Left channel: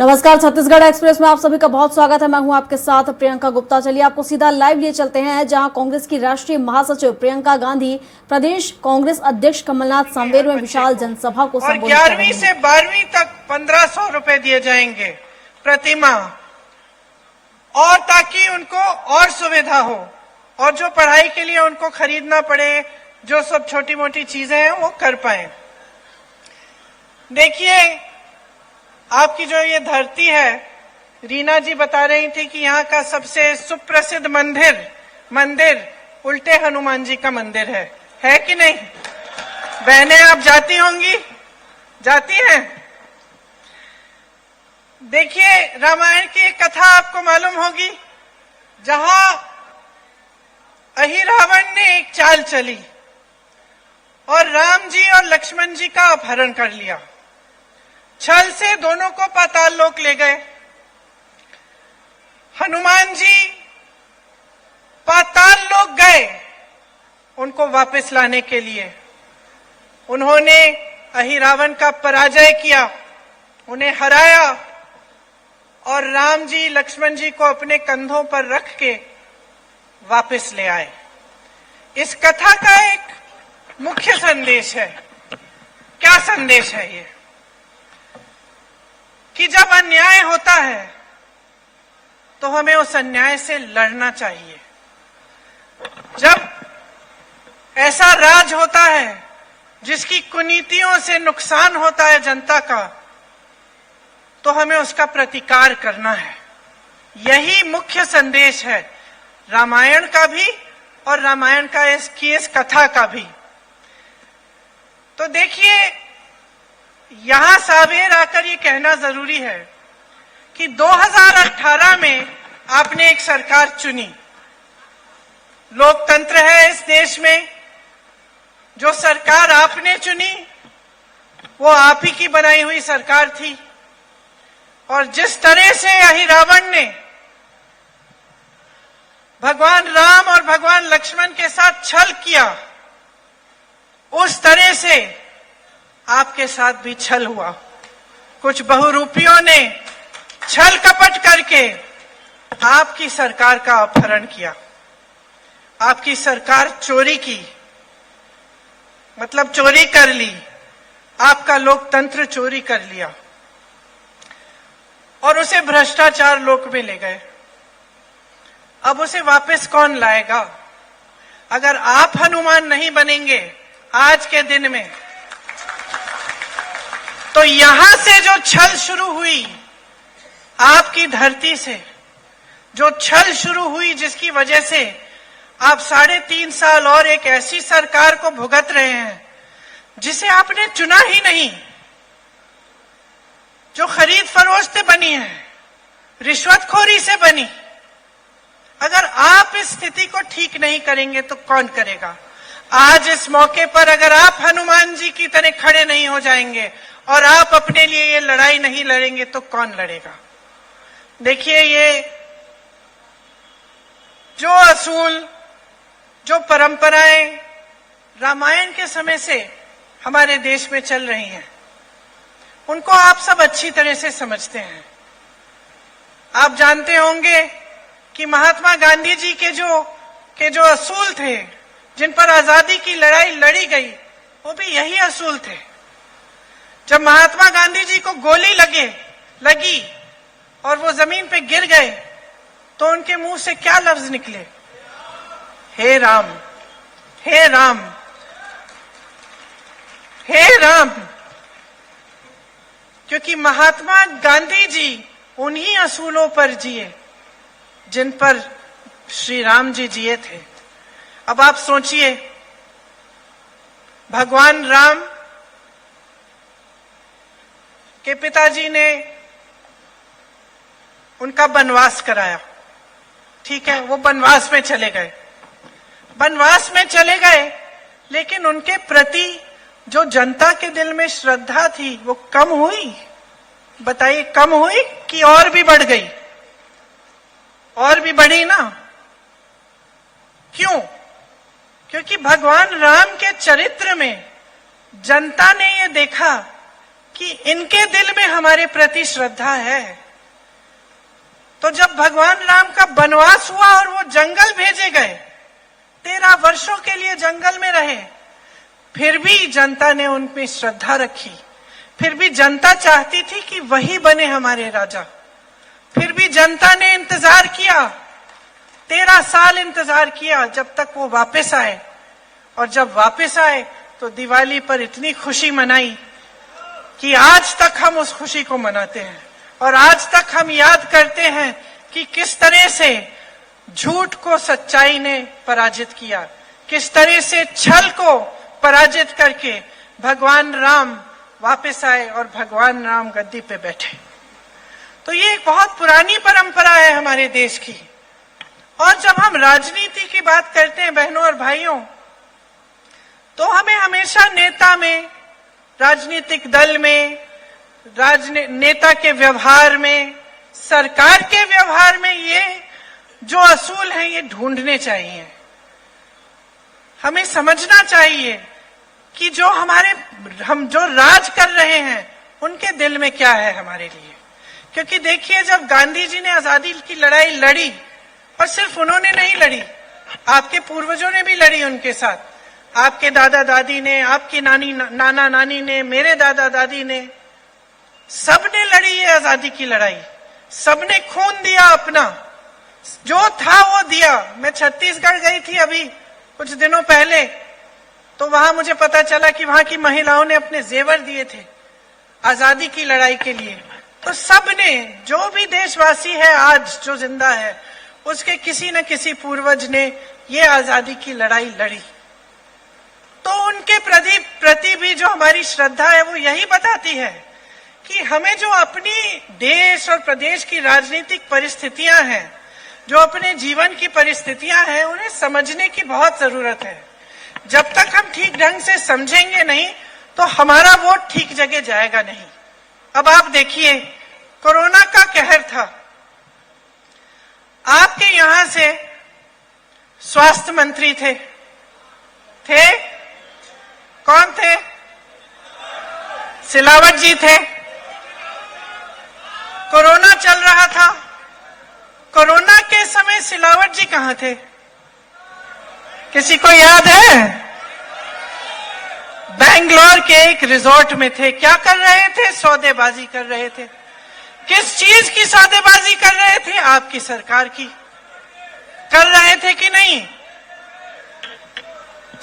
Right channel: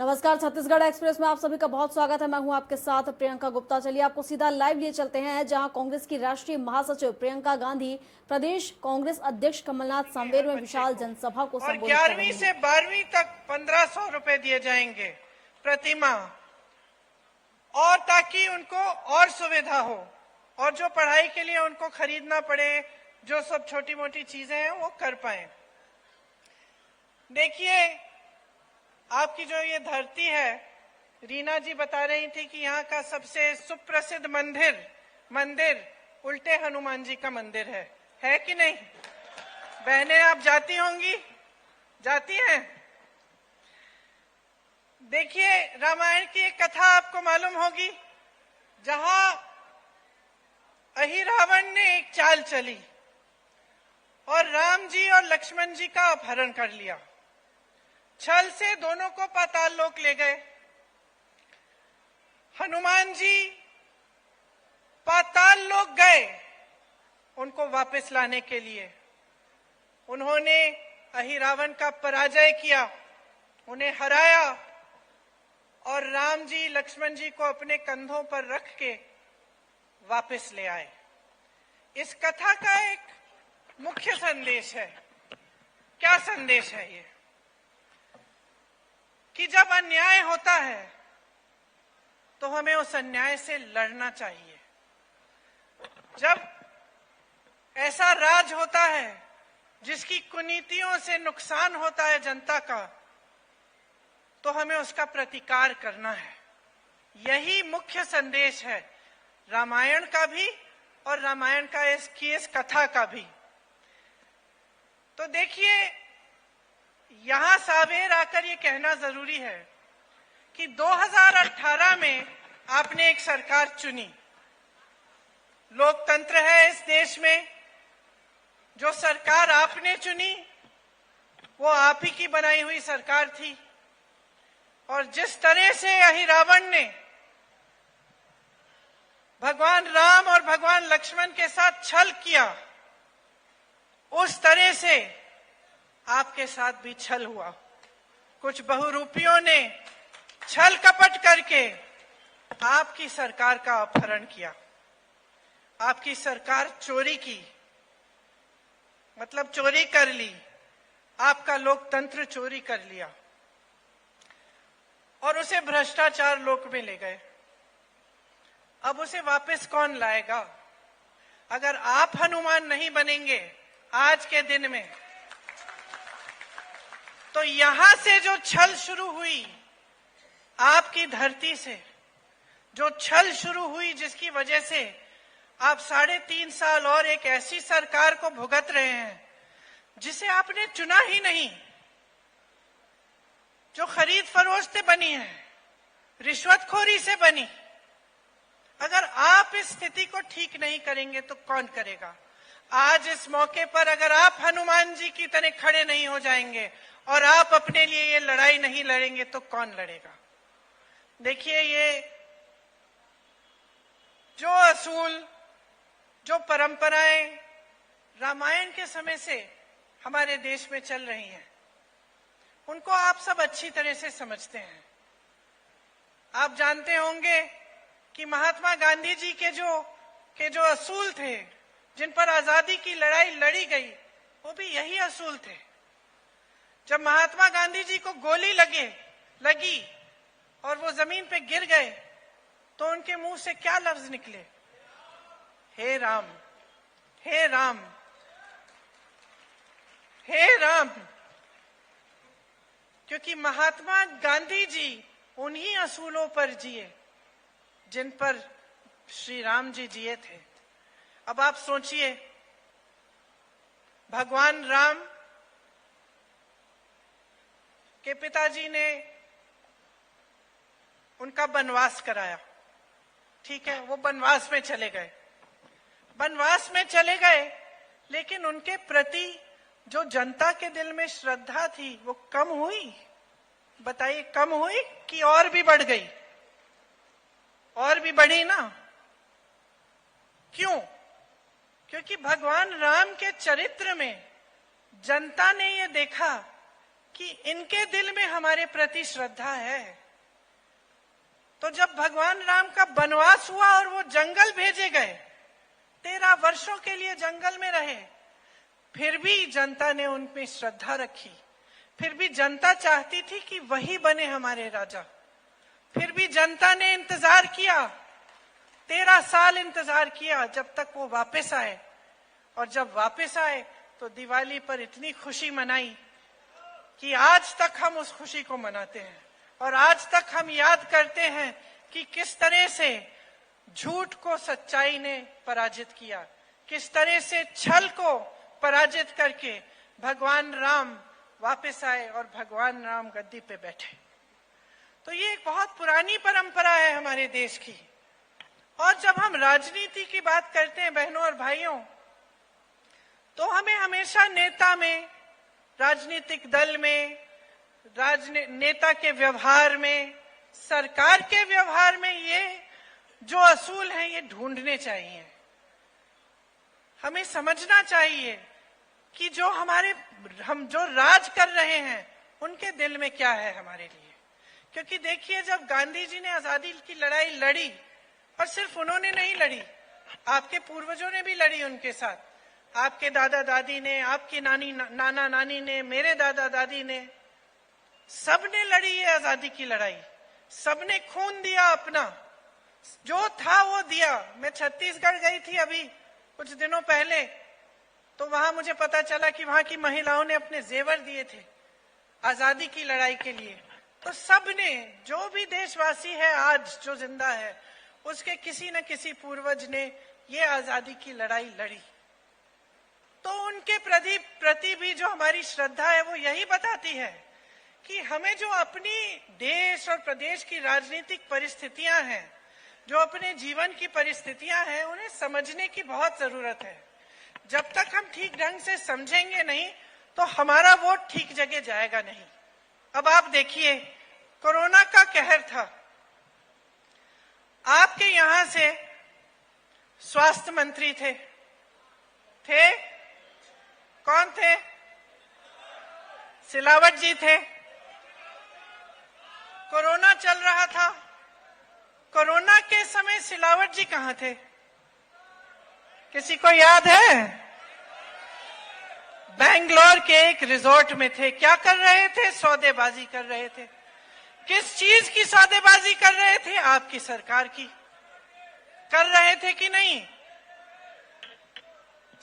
नमस्कार, छत्तीसगढ़ एक्सप्रेस में आप सभी का बहुत स्वागत है। मैं हूं आपके साथ प्रियंका गुप्ता। चलिए आपको सीधा लाइव लिए चलते हैं जहां कांग्रेस की राष्ट्रीय महासचिव प्रियंका गांधी प्रदेश कांग्रेस अध्यक्ष कमलनाथ सांवेर में विशाल जनसभा को संबोधित कर रही हैं। 11वीं से 12वीं तक 1500 रुपए दिए जाएंगे प्रति माह, और ताकि उनको और सुविधा हो और जो पढ़ाई के लिए उनको खरीदना पड़े, जो सब छोटी मोटी चीजें हैं वो कर पाए। देखिए, आपकी जो ये धरती है, रीना जी बता रही थी कि यहाँ का सबसे सुप्रसिद्ध मंदिर उल्टे हनुमान जी का मंदिर है कि नहीं? बहनें आप जाती होंगी, जाती हैं? देखिए, रामायण की एक कथा आपको मालूम होगी, जहां अहिरावण ने एक चाल चली और राम जी और लक्ष्मण जी का अपहरण कर लिया। छल से दोनों को पाताल लोक ले गए। हनुमान जी पाताल लोक गए उनको वापस लाने के लिए। उन्होंने अहिरावण का पराजय किया, उन्हें हराया और राम जी लक्ष्मण जी को अपने कंधों पर रख के वापस ले आए। इस कथा का एक मुख्य संदेश है। क्या संदेश है ये? कि जब अन्याय होता है तो हमें उस अन्याय से लड़ना चाहिए। जब ऐसा राज होता है जिसकी कुनीतियों से नुकसान होता है जनता का, तो हमें उसका प्रतिकार करना है। यही मुख्य संदेश है रामायण का भी और रामायण का इस कथा का भी। तो देखिए, यहां सांवेर आकर ये कहना जरूरी है कि 2018 में आपने एक सरकार चुनी। लोकतंत्र है इस देश में। जो सरकार आपने चुनी वो आप ही की बनाई हुई सरकार थी, और जिस तरह से अहिरावण ने भगवान राम और भगवान लक्ष्मण के साथ छल किया, उस तरह से आपके साथ भी छल हुआ। कुछ बहुरूपियों ने छल कपट करके आपकी सरकार का अपहरण किया। आपकी सरकार चोरी की, मतलब चोरी कर ली। आपका लोकतंत्र चोरी कर लिया और उसे भ्रष्टाचार लोक में ले गए। अब उसे वापस कौन लाएगा? अगर आप हनुमान नहीं बनेंगे आज के दिन में, तो यहां से जो छल शुरू हुई, आपकी धरती से जो छल शुरू हुई, जिसकी वजह से आप 3.5 साल और एक ऐसी सरकार को भुगत रहे हैं जिसे आपने चुना ही नहीं, जो खरीद फरोख्त से बनी है, रिश्वतखोरी से बनी। अगर आप इस स्थिति को ठीक नहीं करेंगे तो कौन करेगा? आज इस मौके पर अगर आप हनुमान जी की तरह खड़े नहीं हो जाएंगे और आप अपने लिए ये लड़ाई नहीं लड़ेंगे तो कौन लड़ेगा? देखिए, ये जो असूल, जो परंपराएं रामायण के समय से हमारे देश में चल रही हैं, उनको आप सब अच्छी तरह से समझते हैं। आप जानते होंगे कि महात्मा गांधी जी के जो असूल थे, जिन पर आजादी की लड़ाई लड़ी गई, वो भी यही असूल थे। जब महात्मा गांधी जी को गोली लगी और वो जमीन पे गिर गए, तो उनके मुंह से क्या लफ्ज निकले? हे राम, हे राम, हे राम। क्योंकि महात्मा गांधी जी उन्हीं असूलों पर जिए जिन पर श्री राम जी जिए थे। अब आप सोचिए, भगवान राम के पिताजी ने उनका वनवास कराया, ठीक है, वो वनवास में चले गए। वनवास में चले गए, लेकिन उनके प्रति जो जनता के दिल में श्रद्धा थी वो कम हुई? बताइए, कम हुई कि और भी बढ़ गई? और भी बढ़ी ना। क्यों? क्योंकि भगवान राम के चरित्र में जनता ने ये देखा कि इनके दिल में हमारे प्रति श्रद्धा है। तो जब भगवान राम का वनवास हुआ और वो जंगल भेजे गए, 13 वर्षों के लिए जंगल में रहे, फिर भी जनता ने उन पे श्रद्धा रखी। फिर भी जनता चाहती थी कि वही बने हमारे राजा। फिर भी जनता ने इंतजार किया, 13 साल इंतजार किया जब तक वो वापस आए। और जब वापस आए तो दिवाली पर इतनी खुशी मनाई कि आज तक हम उस खुशी को मनाते हैं। और आज तक हम याद करते हैं कि किस तरह से झूठ को सच्चाई ने पराजित किया, किस तरह से छल को पराजित करके भगवान राम वापस आए और भगवान राम गद्दी पे बैठे। तो ये एक बहुत पुरानी परंपरा है हमारे देश की। और जब हम राजनीति की बात करते हैं बहनों और भाइयों, तो हमें हमेशा नेता में, राजनीतिक दल में, नेता के व्यवहार में, सरकार के व्यवहार में ये जो असूल है ये ढूंढने चाहिए। हमें समझना चाहिए कि हम जो राज कर रहे हैं उनके दिल में क्या है हमारे लिए। क्योंकि देखिए, जब गांधी जी ने आजादी की लड़ाई लड़ी, और सिर्फ उन्होंने नहीं लड़ी, आपके पूर्वजों ने भी लड़ी उनके साथ। आपके दादा दादी ने, आपकी नाना नानी ने, मेरे दादा दादी ने, सबने लड़ी है आजादी की लड़ाई। सबने खून दिया, अपना जो था वो दिया। मैं छत्तीसगढ़ गई थी अभी कुछ दिनों पहले, तो वहां मुझे पता चला कि वहां की महिलाओं ने अपने जेवर दिए थे आजादी की लड़ाई के लिए। तो सबने, जो भी देशवासी है आज जो जिंदा है, उसके किसी न किसी पूर्वज ने ये आजादी की लड़ाई लड़ी। तो उनके प्रति भी जो हमारी श्रद्धा है वो यही बताती है कि हमें जो अपनी देश और प्रदेश की राजनीतिक परिस्थितियां हैं, जो अपने जीवन की परिस्थितियां हैं, उन्हें समझने की बहुत जरूरत है। जब तक हम ठीक ढंग से समझेंगे नहीं तो हमारा वोट ठीक जगह जाएगा नहीं। अब आप देखिए, कोरोना का कहर था, आपके यहां से स्वास्थ्य मंत्री थे कौन थे? सिलावट जी थे। कोरोना चल रहा था, कोरोना के समय सिलावट जी कहां थे? किसी को याद है? बेंगलोर के एक रिजॉर्ट में थे। क्या कर रहे थे? सौदेबाजी कर रहे थे। किस चीज की सौदेबाजी कर रहे थे? आपकी सरकार की। कर रहे थे कि नहीं?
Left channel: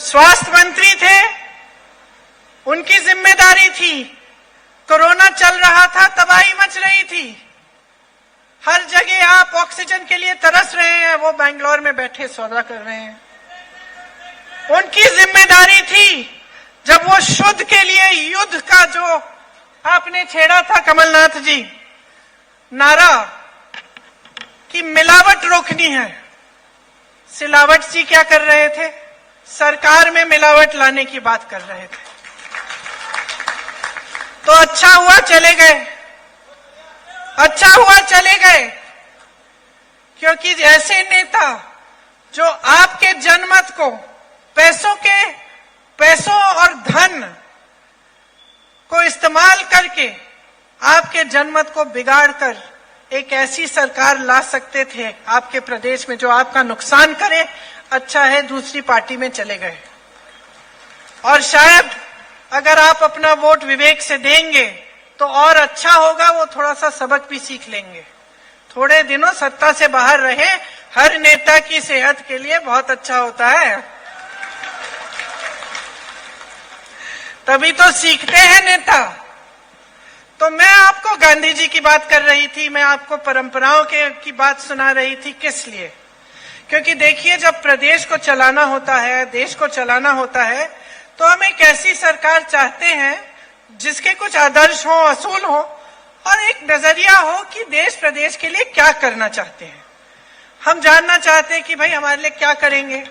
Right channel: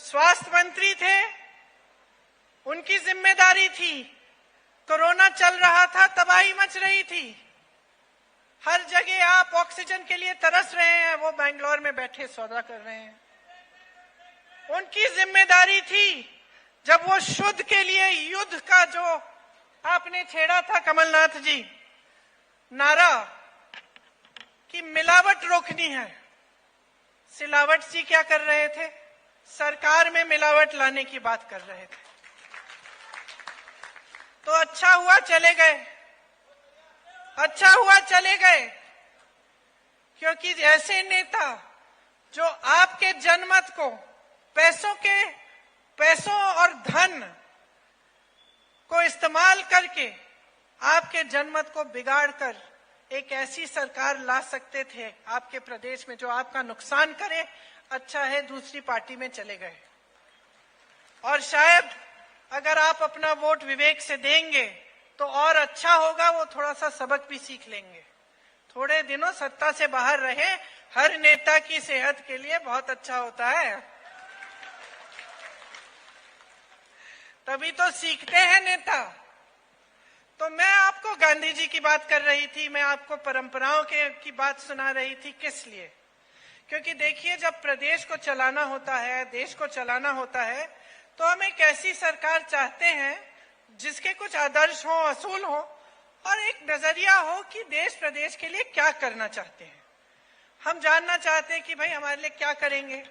स्वास्थ्य मंत्री थे, उनकी जिम्मेदारी थी। कोरोना चल रहा था, तबाही मच रही थी, हर जगह आप ऑक्सीजन के लिए तरस रहे हैं, वो बेंगलोर में बैठे सौदा कर रहे हैं। उनकी जिम्मेदारी थी। जब वो शुद्ध के लिए युद्ध का जो आपने छेड़ा था कमलनाथ जी, नारा कि मिलावट रोकनी है, सिलावट जी क्या कर रहे थे? सरकार में मिलावट लाने की बात कर रहे थे। तो अच्छा हुआ चले गए, अच्छा हुआ चले गए, क्योंकि ऐसे नेता जो आपके जनमत को पैसों और धन को इस्तेमाल करके आपके जनमत को बिगाड़कर एक ऐसी सरकार ला सकते थे आपके प्रदेश में जो आपका नुकसान करे, अच्छा है दूसरी पार्टी में चले गए। और शायद अगर आप अपना वोट विवेक से देंगे तो और अच्छा होगा, वो थोड़ा सा सबक भी सीख लेंगे। थोड़े दिनों सत्ता से बाहर रहे, हर नेता की सेहत के लिए बहुत अच्छा होता है, तभी तो सीखते हैं नेता। तो मैं आपको गांधी जी की बात कर रही थी, मैं आपको परंपराओं की बात सुना रही थी। किस लिए? क्योंकि देखिए, जब प्रदेश को चलाना होता है, देश को चलाना होता है, तो हम एक ऐसी सरकार चाहते हैं जिसके कुछ आदर्श हो, असूल हो और एक नजरिया हो कि देश प्रदेश के लिए क्या करना चाहते हैं। हम जानना चाहते हैं कि भाई हमारे लिए क्या करेंगे,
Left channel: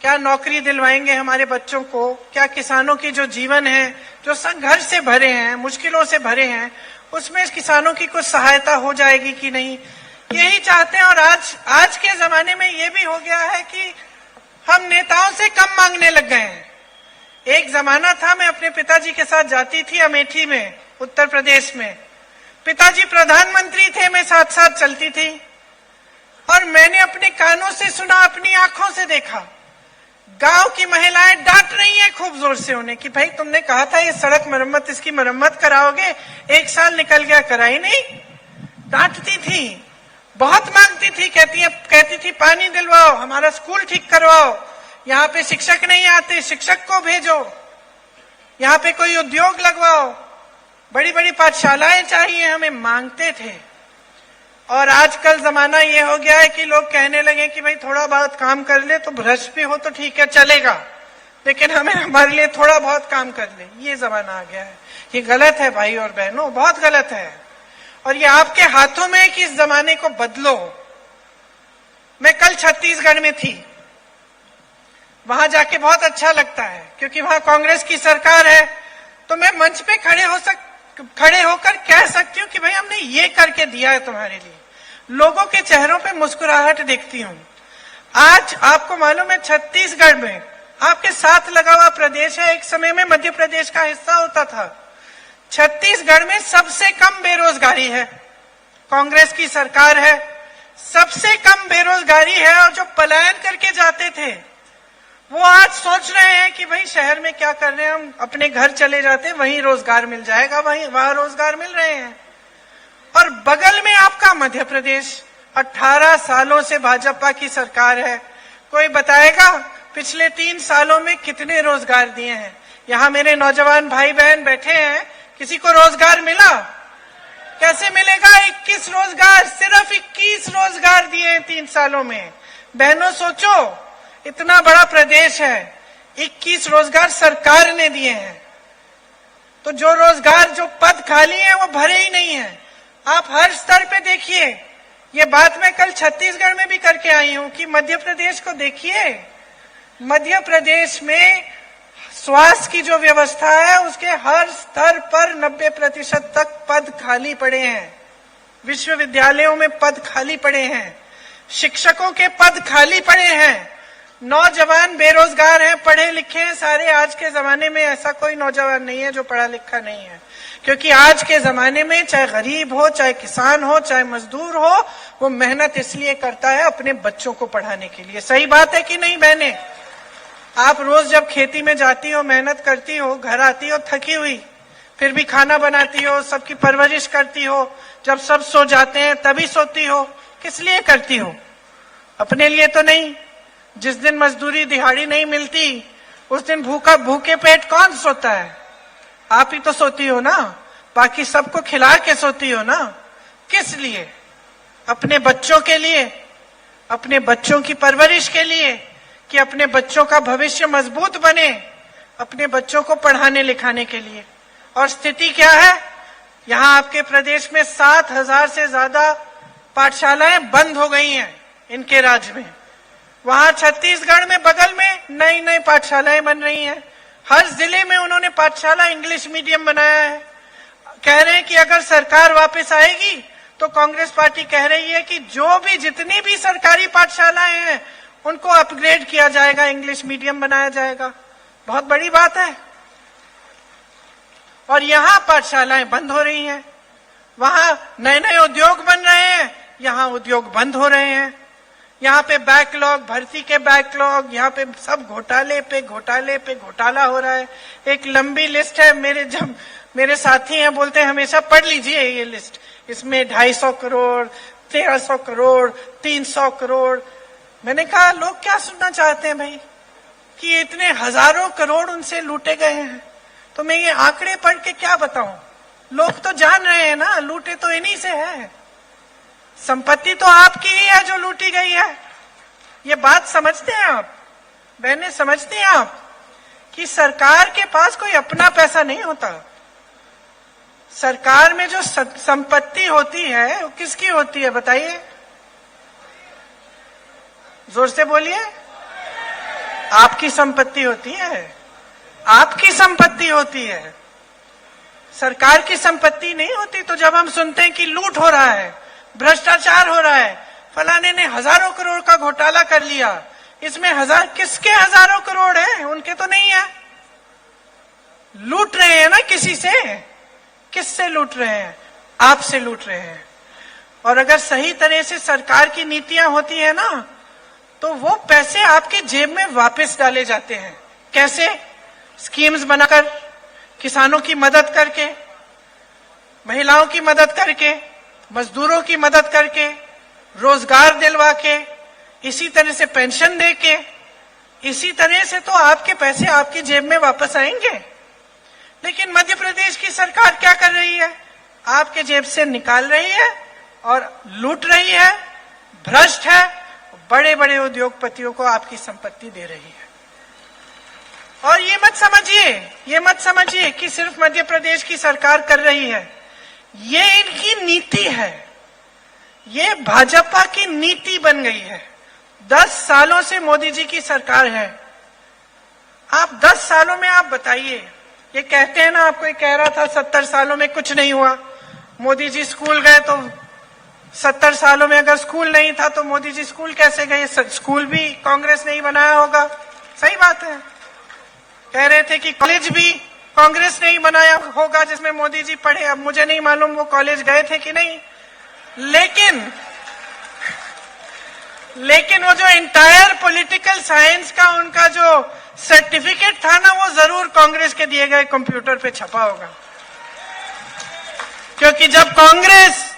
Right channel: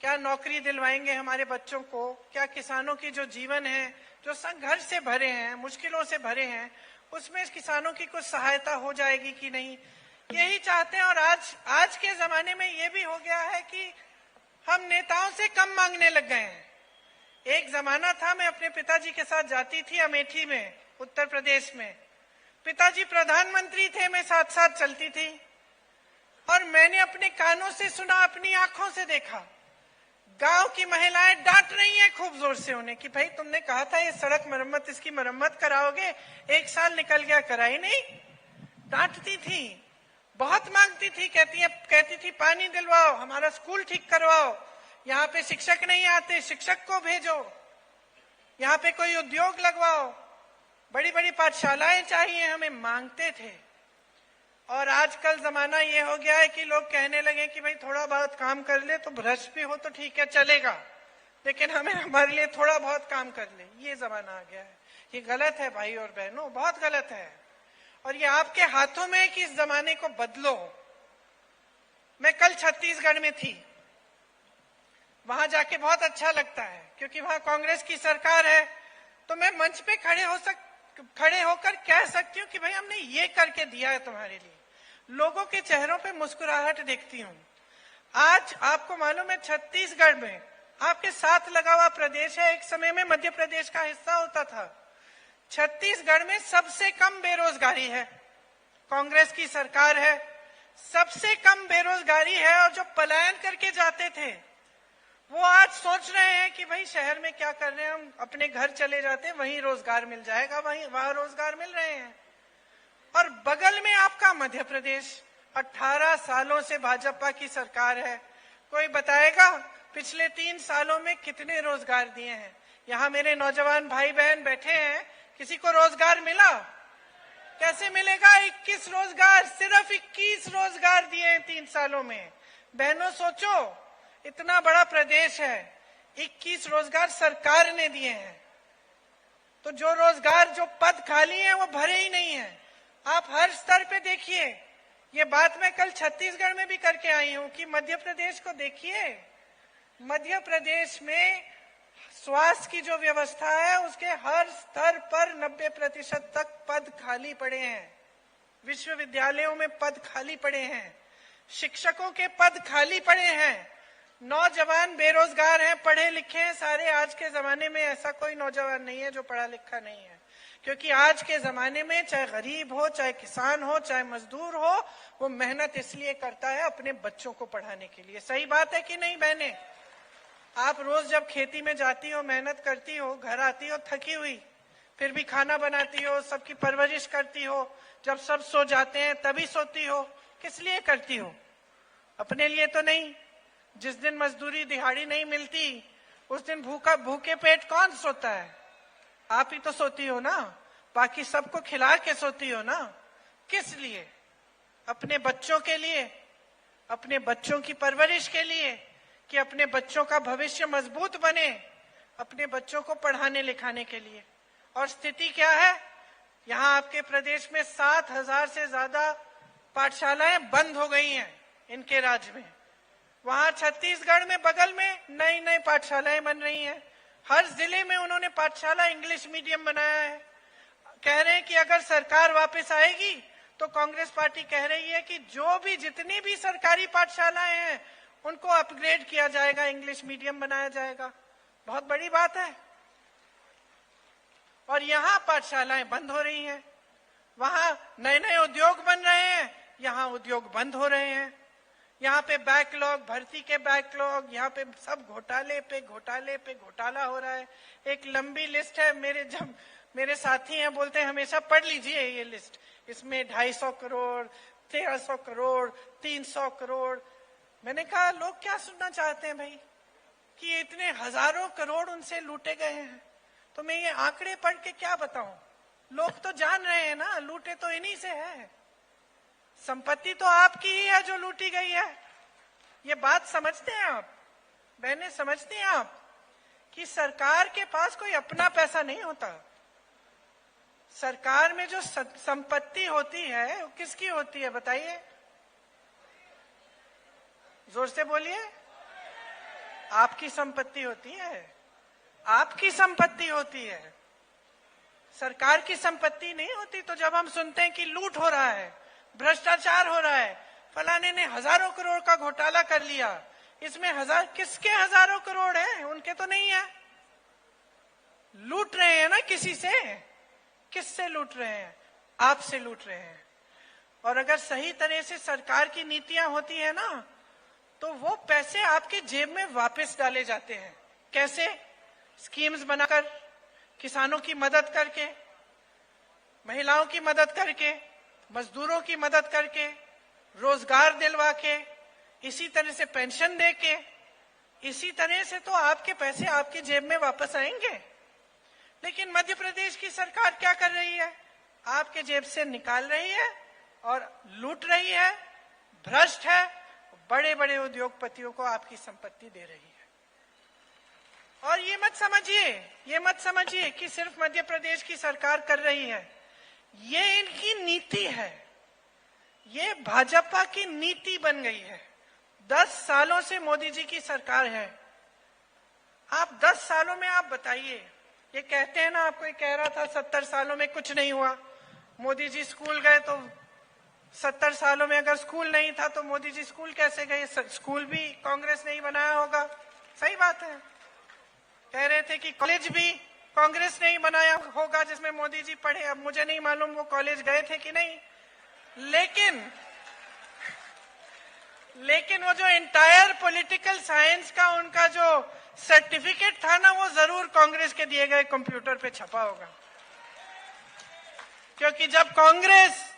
क्या नौकरी दिलवाएंगे हमारे बच्चों को, क्या किसानों की जो जीवन है, जो संघर्ष से भरे हैं, मुश्किलों से भरे हैं, उसमें किसानों की कुछ सहायता हो जाएगी कि नहीं, यही चाहते हैं। और आज के जमाने में ये भी हो गया है कि हम नेताओं से कम मांगने लग गए हैं। एक जमाना था, मैं अपने पिताजी के साथ जाती थी अमेठी में, उत्तर प्रदेश में। पिताजी प्रधानमंत्री थे, मैं साथ साथ चलती थी और मैंने अपने कानों से सुना, अपनी आंखों से देखा। गांव की महिलाएं डांट रही हैं खूब जोर से उन्हें कि भाई तुमने कहा था ये सड़क मरम्मत, इसकी मरम्मत कराओगे, 1 साल निकल गया, कराई नहीं। डांटती थी, बहुत मांगती थी, कहती थी पानी दिलवाओ, हमारा स्कूल ठीक करवाओ, यहाँ पे शिक्षक नहीं आते, शिक्षक को भेजो, यहाँ पे कोई उद्योग लगवाओ, बड़ी बड़ी पाठशालाएं चाहिए हमें, मांगते थे। और आजकल जमाना ये हो गया है कि लोग कहने लगे कि भाई थोड़ा बहुत काम कर ले तो भ्रष्ट भी हो तो ठीक है, चलेगा, लेकिन हमारे लिए थोड़ा बहुत काम कर ले, ये जमाना आ गया है। ये गलत है भाई और बहनों, बहुत गलत है। और ये आपके हाथों में है कि इस जमाने को बदलो। मैं कल छत्तीसगढ़ में थी, वहां जाके बहुत अच्छा लगता है क्योंकि वहां कांग्रेस की सरकार है। तो मैं मंच पे खड़े होकर कह सकती हूँ कि भाई हमने ये करके दिया है तुम्हारे लिए। लोगों के चेहरों पे मुस्कुराहट देखती हूँ। आज आपको मालूम है छत्तीसगढ़ में आपके साथ लगा हुआ प्रदेश है, एक समय में मध्य प्रदेश का हिस्सा होता था। छत्तीसगढ़ में सबसे कम बेरोजगारी है, कांग्रेस की सरकार है, सबसे कम बेरोजगारी है। और जो पलायन करके जाते थे वो आज सोच रहे हैं कि भाई शहर में क्या कर रहे हैं, हम अपने घर चले जाते, वहीं रोजगार मिल जाएगा, वहां रोजगार मिल रहे हैं। और बगल में आपका मध्य प्रदेश, 18 सालों से भाजपा की सरकार है। कोई बताएगा पिछले 3 सालों में कितने रोजगार दिए हैं? यहाँ मेरे नौजवान भाई बहन बैठे हैं, किसी को रोजगार मिला? कैसे मिलेगा? 21 रोजगार, सिर्फ 21 रोजगार दिए हैं 3 सालों में। बहनों सोचो, इतना बड़ा प्रदेश है, 21 रोजगार सरकार ने दिए हैं। तो जो रोजगार, जो पद खाली हैं वो भरे ही नहीं है। आप हर स्तर पे देखिए, ये बात मैं कल छत्तीसगढ़ में भी करके आई हूं कि मध्य प्रदेश को देखिए। मध्य प्रदेश में स्वास्थ्य की जो व्यवस्था है उसके हर स्तर पर 90% तक पद खाली पड़े हैं। विश्वविद्यालयों में पद खाली पड़े हैं, शिक्षकों के पद खाली पड़े हैं, नौजवान बेरोजगार हैं, पढ़े लिखे हैं सारे। आज के जमाने में ऐसा कोई नौजवान नहीं है जो पढ़ा लिखा नहीं है, क्योंकि आज के जमाने में चाहे गरीब हो, चाहे किसान हो, चाहे मजदूर हो, वो मेहनत इसलिए करता है अपने बच्चों को पढ़ाने के लिए। सही बात है कि नहीं बहनें? आप रोज जब खेती में जाती हो, मेहनत करती हो, घर आती हो थकी हुई, फिर भी खाना बनाती हो, सबकी परवरिश करती हो, जब सब सो जाते हैं तभी सोती हो। किस लिए करती हो? अपने लिए तो नहीं। जिस दिन मजदूरी दिहाड़ी नहीं मिलती उस दिन भूखे पेट कौन सोता है? आप ही तो सोती हो ना, बाकी सबको खिला के सोती हो ना। किस लिए? अपने बच्चों के लिए, अपने बच्चों की परवरिश के लिए, कि अपने बच्चों का भविष्य मजबूत बने, अपने बच्चों को पढ़ाने लिखाने के लिए। और स्थिति क्या है? यहाँ आपके प्रदेश में 7,000 से ज्यादा पाठशालाएं बंद हो गई हैं इनके राज्य में। वहां छत्तीसगढ़ में बगल में नई नई पाठशालाएं बन रही हैं। हर जिले में उन्होंने पाठशाला इंग्लिश मीडियम बनाया है। कह रहे हैं कि अगर सरकार वापस आएगी तो कांग्रेस पार्टी कह रही है कि जो भी, जितनी भी सरकारी पाठशालाएं हैं उनको अपग्रेड किया जाएगा, इंग्लिश मीडियम बनाया जाएगा। बहुत बड़ी बात है। और यहाँ पाठशालाएं बंद हो रही हैं, वहां नए नए उद्योग बन रहे हैं, यहाँ उद्योग बंद हो रहे हैं। यहाँ पे बैकलॉग, भर्ती के बैकलॉग, यहाँ पे सब घोटाले पे घोटाले पे घोटाला हो रहा है। एक लंबी लिस्ट है, मेरे साथी हैं बोलते हैं हमेशा पढ़ लीजिए ये लिस्ट, इसमें 250 करोड़, 1300 करोड़, 300 करोड़। मैंने कहा लोग क्या सुनना चाहते हैं भाई, कि इतने हजारों करोड़ उनसे लूटे गए हैं। तो मैं ये आंकड़े पढ़ के क्या बताऊं? लोग तो जान रहे हैं ना, लूटे तो इन्हीं से है। संपत्ति तो आपकी ही है जो लूटी गई है। ये बात समझते हैं आप बहनें? समझते हैं आप कि सरकार के पास कोई अपना पैसा नहीं होता। सरकार में जो संपत्ति होती है वो किसकी होती है बताइए? जोर से बोलिए। आपकी संपत्ति होती है, आपकी संपत्ति होती है, सरकार की संपत्ति नहीं होती। तो जब हम सुनते हैं कि लूट हो रहा है, भ्रष्टाचार हो रहा है, फलाने ने हजारों करोड़ का घोटाला कर लिया, इसमें किसके हजारों करोड़ हैं? उनके तो नहीं है। लूट रहे हैं ना किसी से, किससे लूट रहे हैं? आपसे लूट रहे हैं। और अगर सही तरह से सरकार की नीतियां होती है ना, तो वो पैसे आपके जेब में वापस डाले जाते हैं। कैसे? स्कीम्स बनाकर, किसानों की मदद करके, महिलाओं की मदद करके, मजदूरों की मदद करके, रोजगार दिलवा के, इसी तरह से पेंशन दे के, इसी तरह से तो आपके पैसे आपकी जेब में वापस आएंगे। लेकिन मध्य प्रदेश की सरकार क्या कर रही है? आपके जेब से निकाल रही है और लूट रही है, भ्रष्ट है, बड़े बड़े उद्योगपतियों को आपकी संपत्ति दे रही है। और ये मत समझिए कि सिर्फ मध्य प्रदेश की सरकार कर रही है। ये इनकी नीति है, ये भाजपा की नीति बन गई है। 10 सालों से मोदी जी की सरकार है। आप 10 सालों में आप बताइए, ये कहते हैं ना, आपको कह रहा था 70 सालों में कुछ नहीं हुआ। मोदी जी स्कूल गए तो 70 सालों में अगर स्कूल नहीं था तो मोदी जी स्कूल कैसे गए? स्कूल भी कांग्रेस ने ही बनाया होगा। सही बात है। कह रहे थे कि कॉलेज भी कांग्रेस ने ही बनाया होगा जिसमें मोदी जी पढ़े। अब मुझे नहीं मालूम वो कॉलेज गए थे कि नहीं, लेकिन वो जो इंटायर पॉलिटिकल साइंस का उनका जो सर्टिफिकेट था ना, वो जरूर कांग्रेस के दिए गए कंप्यूटर पे छपा होगा। क्योंकि जब कांग्रेस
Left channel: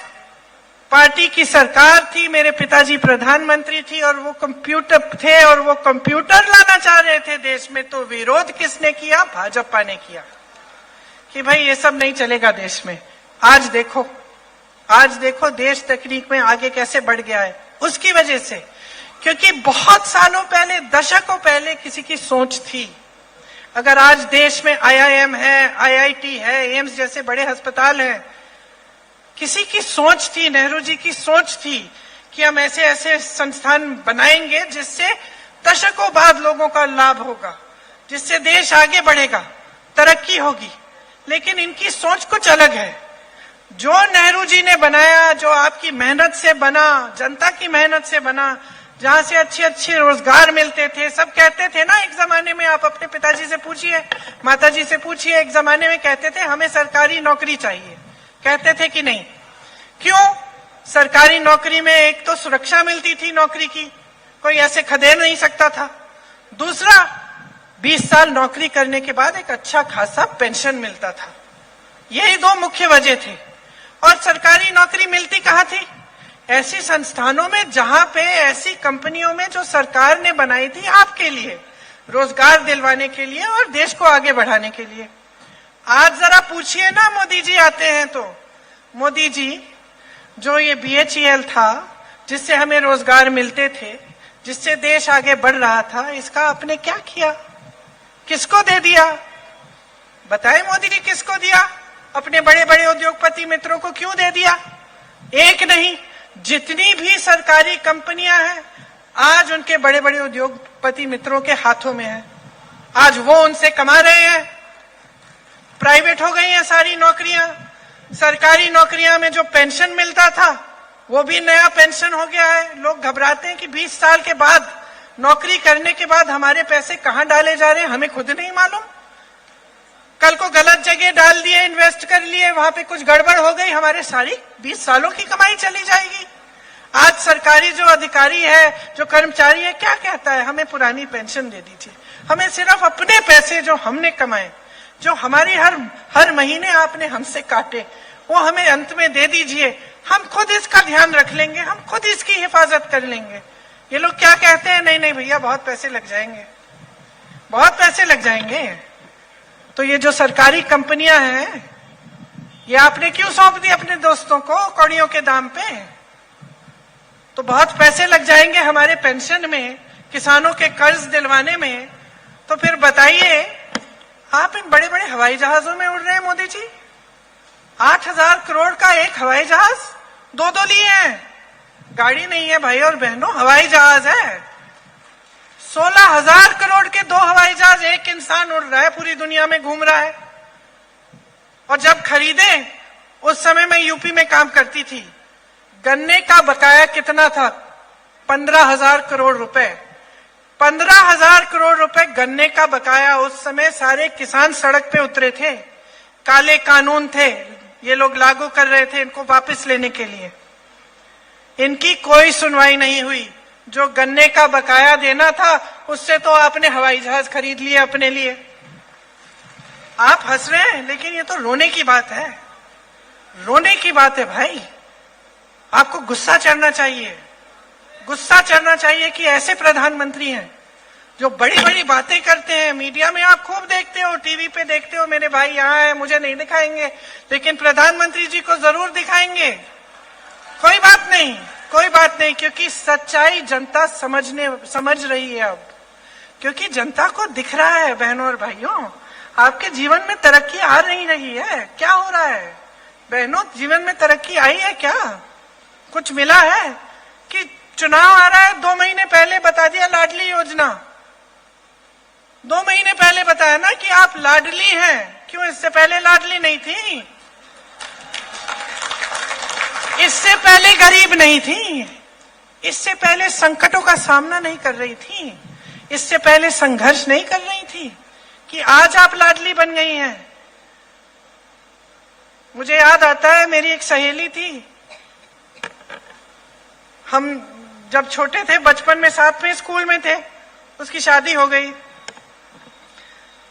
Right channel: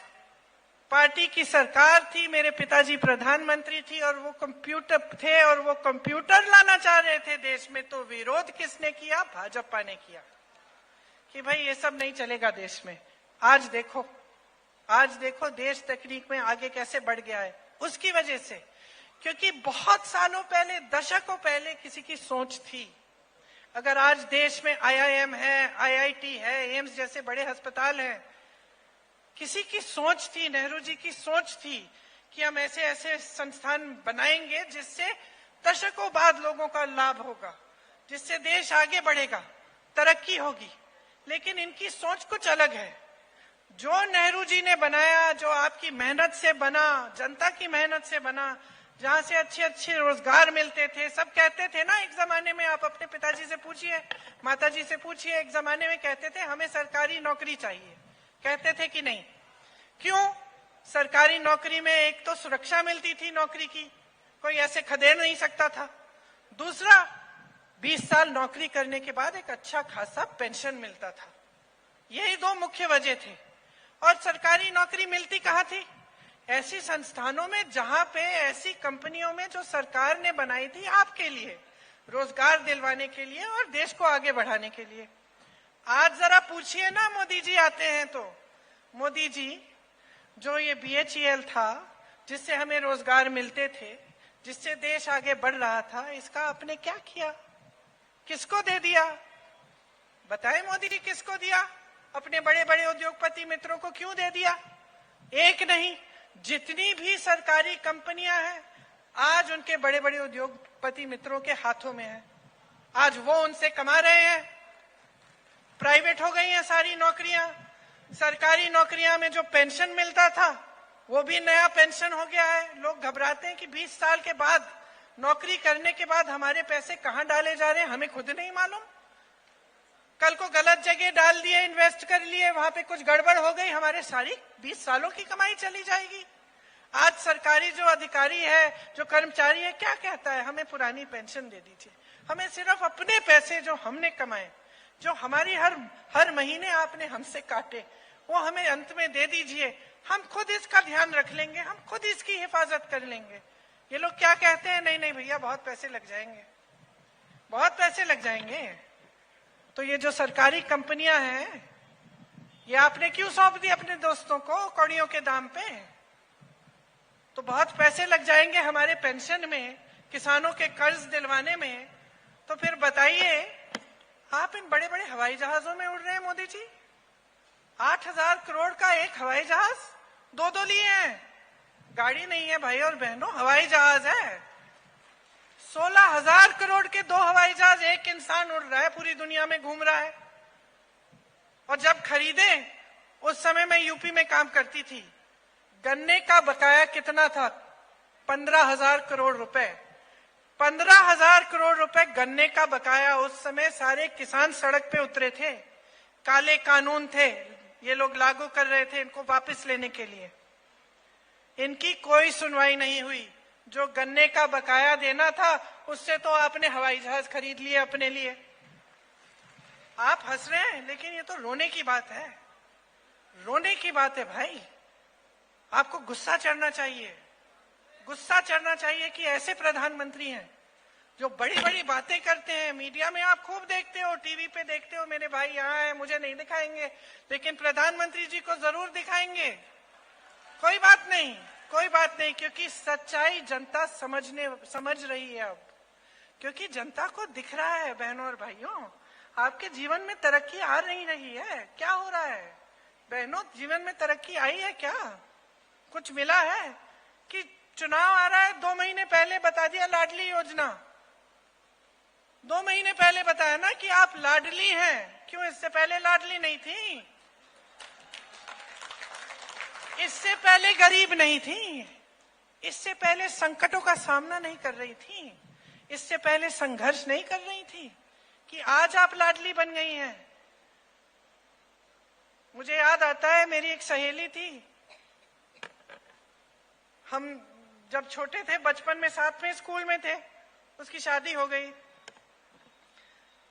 पार्टी की सरकार थी, मेरे पिताजी प्रधानमंत्री थी और वो कंप्यूटर थे और वो कंप्यूटर लाना चाह रहे थे देश में, तो विरोध किसने किया? भाजपा ने किया कि भाई ये सब नहीं चलेगा देश में। आज देखो देश तकनीक में आगे कैसे बढ़ गया है। उसकी वजह से, क्योंकि बहुत सालों पहले, दशकों पहले किसी की सोच थी। अगर आज देश में IIM है, IIT है, एम्स जैसे बड़े अस्पताल हैं, किसी की सोच थी, नेहरू जी की सोच थी कि हम ऐसे ऐसे संस्थान बनाएंगे जिससे दशकों बाद लोगों का लाभ होगा, जिससे देश आगे बढ़ेगा, तरक्की होगी। लेकिन इनकी सोच कुछ अलग है। जो नेहरू जी ने बनाया, जो आपकी मेहनत से बना, जनता की मेहनत से बना, जहां से अच्छे अच्छे रोजगार मिलते थे। सब कहते थे ना एक जमाने में, आप अपने पिताजी से पूछिए, माताजी से पूछिए, एक जमाने में कहते थे हमें सरकारी नौकरी चाहिए। कहते थे कि नहीं? क्यों? सरकारी नौकरी में एक तो सुरक्षा मिलती थी नौकरी की, कोई ऐसे खदेड़ नहीं सकता था। दूसरा, 20 साल नौकरी करने के बाद एक अच्छा खासा पेंशन मिलता था। यही 2 मुख्य वजह थे। और सरकारी नौकरी मिलती कहाँ थी? ऐसी संस्थानों में जहां पे, ऐसी कंपनियों में जो सरकार ने बनाई थी आपके लिए, रोजगार दिलवाने के लिए और देश को आगे बढ़ाने के लिए। आज जरा पूछिए ना, मोदी जी आते हैं तो, मोदी जी जो ये BHEL था, जिससे हमें रोजगार मिलते थे, जिससे देश आगे बढ़ रहा था, इसका आपने क्या किया? किसको दे दिया? बताए मोदी जी, किसको दिया? अपने बड़े बड़े उद्योगपति मित्रों को क्यों दे दिया? एक नहीं, जितनी भी सरकारी कंपनियां हैं आज उनके बड़े बड़े उद्योगपति मित्रों के हाथों में है। आज वो उनसे कमा रहे हैं। प्राइवेट हो गई हैं सारी नौकरियां। सरकारी नौकरियां में जो पेंशन मिलता था वो भी नया पेंशन हो गया है। लोग घबराते हैं कि 20 साल के बाद, नौकरी करने के बाद हमारे पैसे कहां डाले जा रहे हैं, हमें खुद नहीं मालूम। कल को गलत जगह डाल दिए, इन्वेस्ट कर लिए, वहां पे कुछ गड़बड़ हो गई, हमारे सारी 20 सालों की कमाई चली जाएगी। आज सरकारी जो अधिकारी है, जो कर्मचारी है, क्या कहता है? हमें पुरानी पेंशन दे दीजिए, हमें सिर्फ अपने पैसे जो हमने कमाए, जो हमारी हर महीने आपने हमसे काटे, वो हमें अंत में दे दीजिए, हम खुद इसका ध्यान रख लेंगे, हम खुद इसकी हिफाजत कर लेंगे। ये लोग क्या कहते हैं? नहीं नहीं भैया, बहुत पैसे लग जाएंगे, बहुत पैसे लग जाएंगे। तो ये जो सरकारी कंपनियां हैं, ये आपने क्यों सौंप दी अपने दोस्तों को कौड़ियों के दाम पे? तो बहुत पैसे लग जाएंगे हमारे पेंशन में, किसानों के कर्ज दिलवाने में। तो फिर बताइए, आप इन बड़े बड़े हवाई जहाजों में उड़ रहे हैं मोदी जी। 8,000 करोड़ का एक हवाई जहाज, 2 लिए हैं। गाड़ी नहीं है भाई और बहनों, हवाई जहाज है। 16,000 करोड़ के 2 हवाई जहाज एक इंसान उड़ रहा है, पूरी दुनिया में घूम रहा है। और जब खरीदे, उस समय मैं यूपी में काम करती थी, गन्ने का बकाया कितना था? 15,000 करोड़ रुपए। 15,000 करोड़ रुपए गन्ने का बकाया। उस समय सारे किसान सड़क पे उतरे थे, काले कानून थे, ये लोग लागू कर रहे थे इनको वापस लेने के लिए। इनकी कोई सुनवाई नहीं हुई। जो गन्ने का बकाया देना था उससे तो आपने हवाई जहाज खरीद लिए अपने लिए। आप हंस रहे हैं, लेकिन ये तो रोने की बात है, रोने की बात है भाई। आपको गुस्सा चढ़ना चाहिए, गुस्सा चढ़ना चाहिए कि ऐसे प्रधानमंत्री हैं जो बड़ी बड़ी बातें करते हैं। मीडिया में आप खूब देखते हो, टीवी पे देखते हो, मेरे भाई यहाँ है, मुझे नहीं दिखाएंगे, लेकिन प्रधानमंत्री जी को जरूर दिखाएंगे। कोई बात नहीं, कोई बात नहीं, क्योंकि सच्चाई जनता समझ रही है अब, क्योंकि जनता को दिख रहा है। बहनों और भाइयों, आपके जीवन में तरक्की आ नहीं रही है। क्या हो रहा है बहनों? जीवन में तरक्की आई है क्या? कुछ मिला है? कि चुनाव आ रहा है, 2 महीने पहले बता दिया लाडली योजना। 2 महीने पहले बताया ना कि आप लाडली हैं। क्यों इससे पहले लाडली नहीं थी? इससे पहले गरीब नहीं थी, इससे पहले संकटों का सामना नहीं कर रही थी, इससे पहले संघर्ष नहीं कर रही थी, कि आज आप लाडली बन गई हैं। मुझे याद आता है, मेरी एक सहेली थी, हम जब छोटे थे, बचपन में साथ में स्कूल में थे, उसकी शादी हो गई।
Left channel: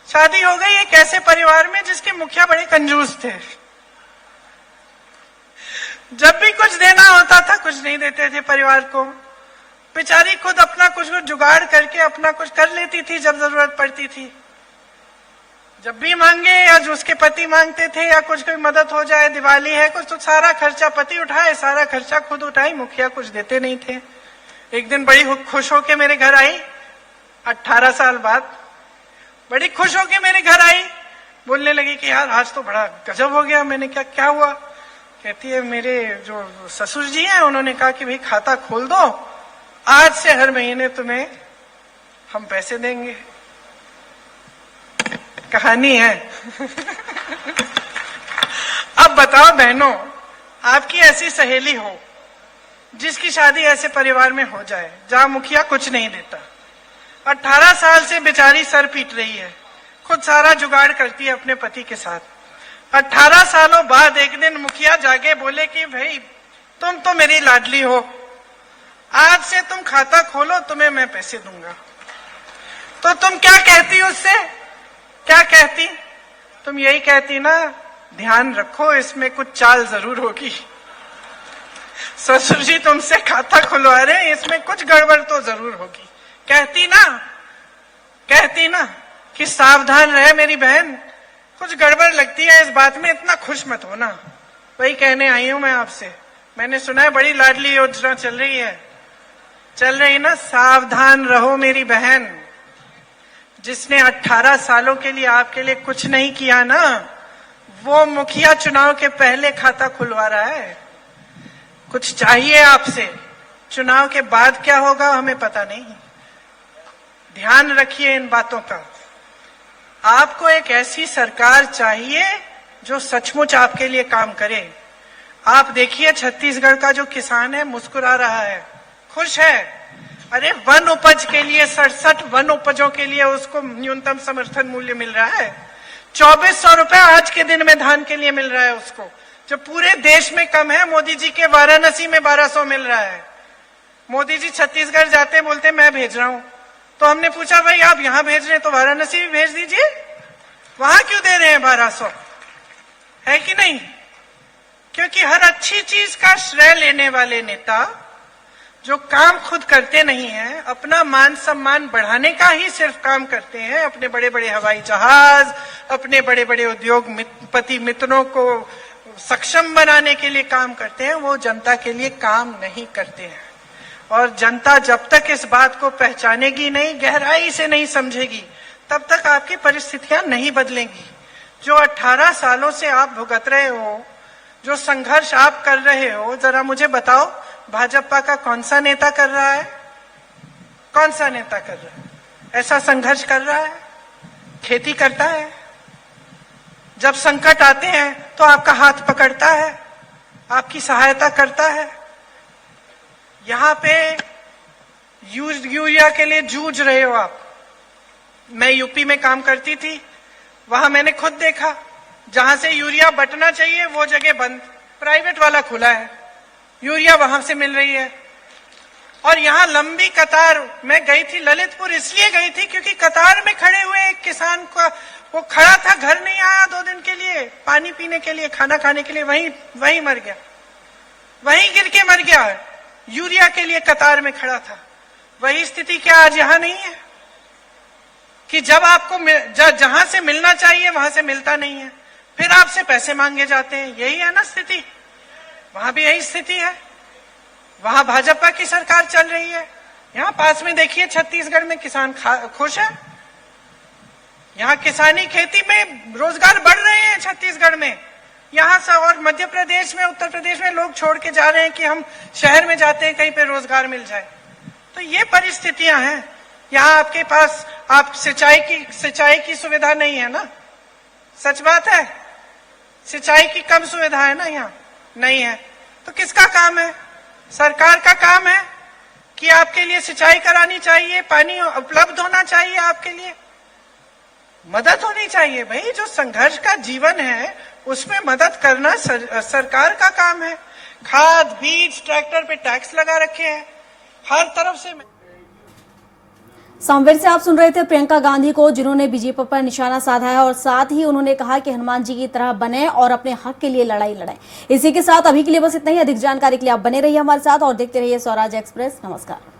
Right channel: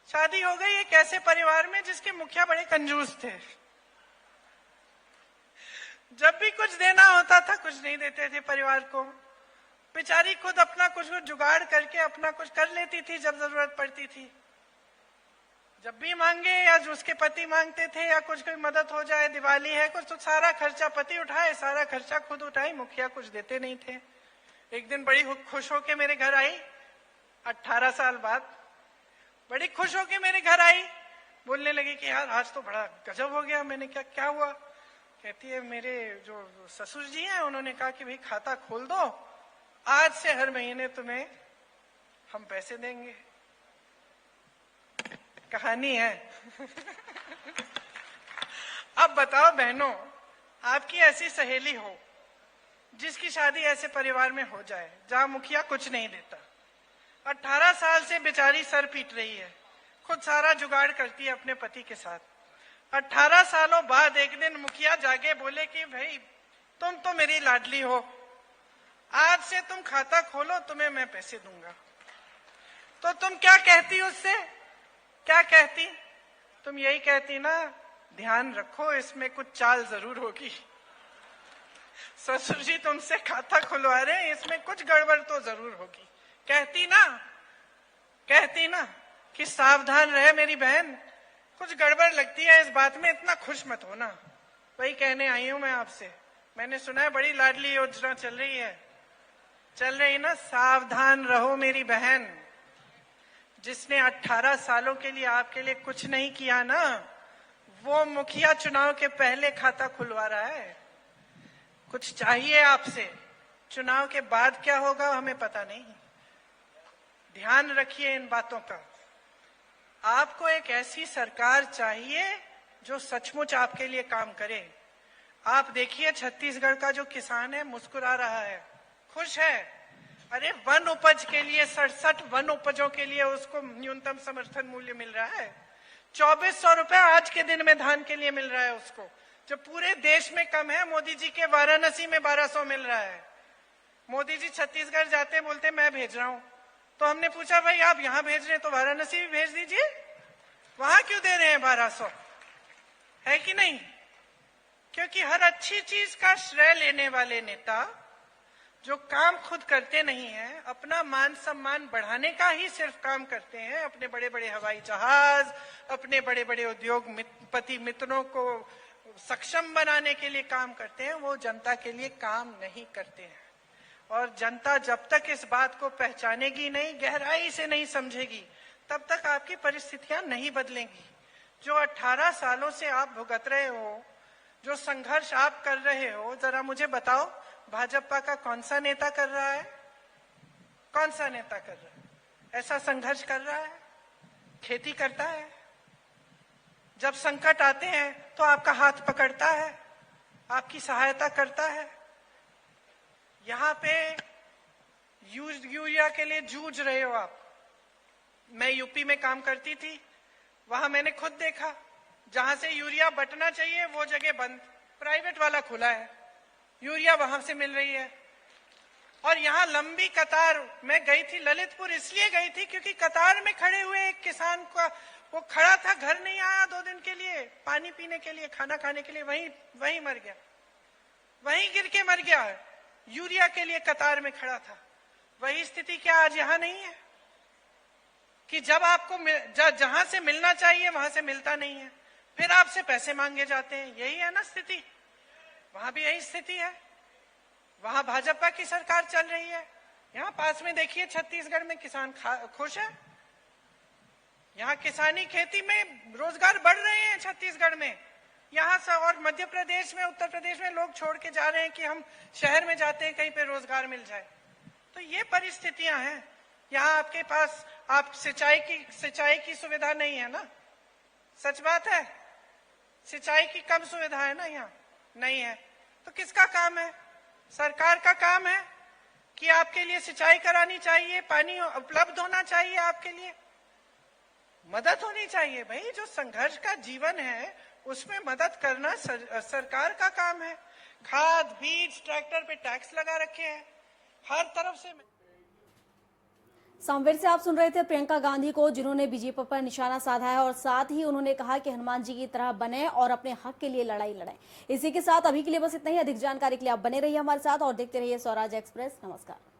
शादी हो गई एक ऐसे परिवार में जिसके मुखिया बड़े कंजूस थे। जब भी कुछ देना होता था कुछ नहीं देते थे परिवार को। बेचारी खुद अपना कुछ जुगाड़ करके अपना कुछ कर लेती थी जब जरूरत पड़ती थी। जब भी मांगे या जो उसके पति मांगते थे या कुछ कोई मदद हो जाए, दिवाली है कुछ, तो सारा खर्चा पति उठाए, सारा खर्चा खुद उठाई, मुखिया कुछ देते नहीं थे। एक दिन बड़ी खुश होके मेरे घर आई, 18 साल बाद बड़ी खुश होके मेरे घर आई, बोलने लगी कि यार आज तो बड़ा गजब हो गया। मैंने क्या हुआ? कहती है मेरे जो ससुर जी हैं उन्होंने कहा कि भाई खाता खोल दो, आज से हर महीने तुम्हें हम पैसे देंगे। कहानी है। अब बताओ बहनों, आपकी ऐसी सहेली हो जिसकी शादी ऐसे परिवार में हो जाए जहां मुखिया कुछ नहीं देता, 18 साल से बेचारी सर पीट रही है, खुद सारा जुगाड़ करती है अपने पति के साथ। 18 सालों बाद एक दिन मुखिया जागे, बोले कि भाई तुम तो मेरी लाडली हो, आज से तुम खाता खोलो, तुम्हें मैं पैसे दूंगा। तो तुम क्या कहती उससे? क्या कहती? तुम यही कहती ना, ध्यान रखो इसमें कुछ चाल जरूर होगी। ससुर जी तुमसे खाता खुलवा रहे, इसमें कुछ गड़बड़ तो जरूर होगी। कहती ना कि सावधान रहे मेरी बहन, कुछ गड़बड़ लगती है इस बात में, इतना खुश मत होना। वही कहने आई हूं मैं आपसे। मैंने सुना है बड़ी लाडली योजना चल रही ना, सावधान रहो मेरी बहन। जिसने 18 सालों के लिए आपके लिए कुछ नहीं किया ना, वो मुखिया चुनाव के पहले खाता खुलवा रहा है। कुछ चाहिए आपसे, चुनाव के बाद क्या होगा हमें पता नहीं। ध्यान रखिए इन बातों का। आपको एक ऐसी सरकार चाहिए जो सचमुच आपके लिए काम करे। आप देखिए छत्तीसगढ़ का जो किसान है मुस्कुरा रहा है, खुश है। अरे वन उपज के लिए 67 वन उपजों के लिए उसको न्यूनतम समर्थन मूल्य मिल रहा है। 2400 रुपए आज के दिन में धान के लिए मिल रहा है उसको, जो पूरे देश में कम है। मोदी जी के वाराणसी में 1200 मिल रहा है। मोदी जी छत्तीसगढ़ जाते बोलते मैं भेज रहा हूं, तो हमने पूछा भाई आप यहां भेज रहे हैं तो वाराणसी भी भेज दीजिए, वहां क्यों दे रहे हैं 1200? है कि नहीं? क्योंकि हर अच्छी चीज का श्रेय लेने वाले नेता जो काम खुद करते नहीं हैं, अपना मान सम्मान बढ़ाने का ही सिर्फ काम करते हैं, अपने बड़े बड़े हवाई जहाज, अपने बड़े बड़े उद्योगपति मित्रों को सक्षम बनाने के लिए काम करते हैं, वो जनता के लिए काम नहीं करते हैं। और जनता जब तक इस बात को पहचानेगी नहीं, गहराई से नहीं समझेगी, तब तक आपकी परिस्थितियां नहीं बदलेंगी। जो 18 सालों से आप भुगत रहे हो, जो संघर्ष आप कर रहे हो, जरा मुझे बताओ भाजपा का कौन सा नेता कर रहा है? कौन सा नेता कर रहा है? ऐसा संघर्ष कर रहा है? खेती करता है? जब संकट आते हैं तो आपका हाथ पकड़ता है, आपकी सहायता करता है। यहां पे यूरिया के लिए जूझ रहे हो आप। मैं यूपी में काम करती थी, वहां मैंने खुद देखा जहां से यूरिया बटना चाहिए वो जगह बंद, प्राइवेट वाला खुला है, यूरिया वहां से मिल रही है। और यहाँ लंबी कतार, मैं गई थी ललितपुर, इसलिए गई थी क्योंकि कतार में खड़े हुए एक किसान को, वो खड़ा था, घर नहीं आया 2 दिन के लिए, पानी पीने के लिए, खाना खाने के लिए, वहीं मर गया, वहीं गिर के मर गया, यूरिया के लिए कतार में खड़ा था। वही स्थिति क्या आज यहाँ नहीं है कि जब आपको जहां से मिलना चाहिए वहां से मिलता नहीं है, फिर आपसे पैसे मांगे जाते हैं। यही है ना स्थिति, वहां भी यही स्थिति है। वहां भाजपा की सरकार चल रही है, यहाँ पास में देखिए छत्तीसगढ़ में किसान खुश है, यहाँ किसानी खेती में रोजगार बढ़ रहे हैं छत्तीसगढ़ में। यहाँ से और मध्य प्रदेश में, उत्तर प्रदेश में लोग छोड़ के जा रहे हैं कि हम शहर में जाते हैं कहीं पे रोजगार मिल जाए। तो ये परिस्थितियां हैं। यहाँ आपके पास आप सिंचाई की सुविधा नहीं है ना, सच बात है, सिंचाई की कम सुविधा है ना, यहाँ नहीं है। तो किसका काम है? सरकार का काम है कि आपके लिए सिंचाई करानी चाहिए, पानी उपलब्ध होना चाहिए, आपके लिए मदद होनी चाहिए। भाई जो संघर्ष का जीवन है उसमें मदद करना सरकार का काम है। खाद, बीज, ट्रैक्टर पे टैक्स लगा रखे हैं हर तरफ से। सांवेर से आप सुन रहे थे प्रियंका गांधी को, जिन्होंने बीजेपी पर निशाना साधा है और साथ ही उन्होंने कहा कि हनुमान जी की तरह बने और अपने हक के लिए लड़ाई लड़ाएं। इसी के साथ अभी के लिए बस इतना ही। अधिक जानकारी के लिए आप बने रहिए हमारे साथ और देखते रहिए स्वराज एक्सप्रेस। नमस्कार।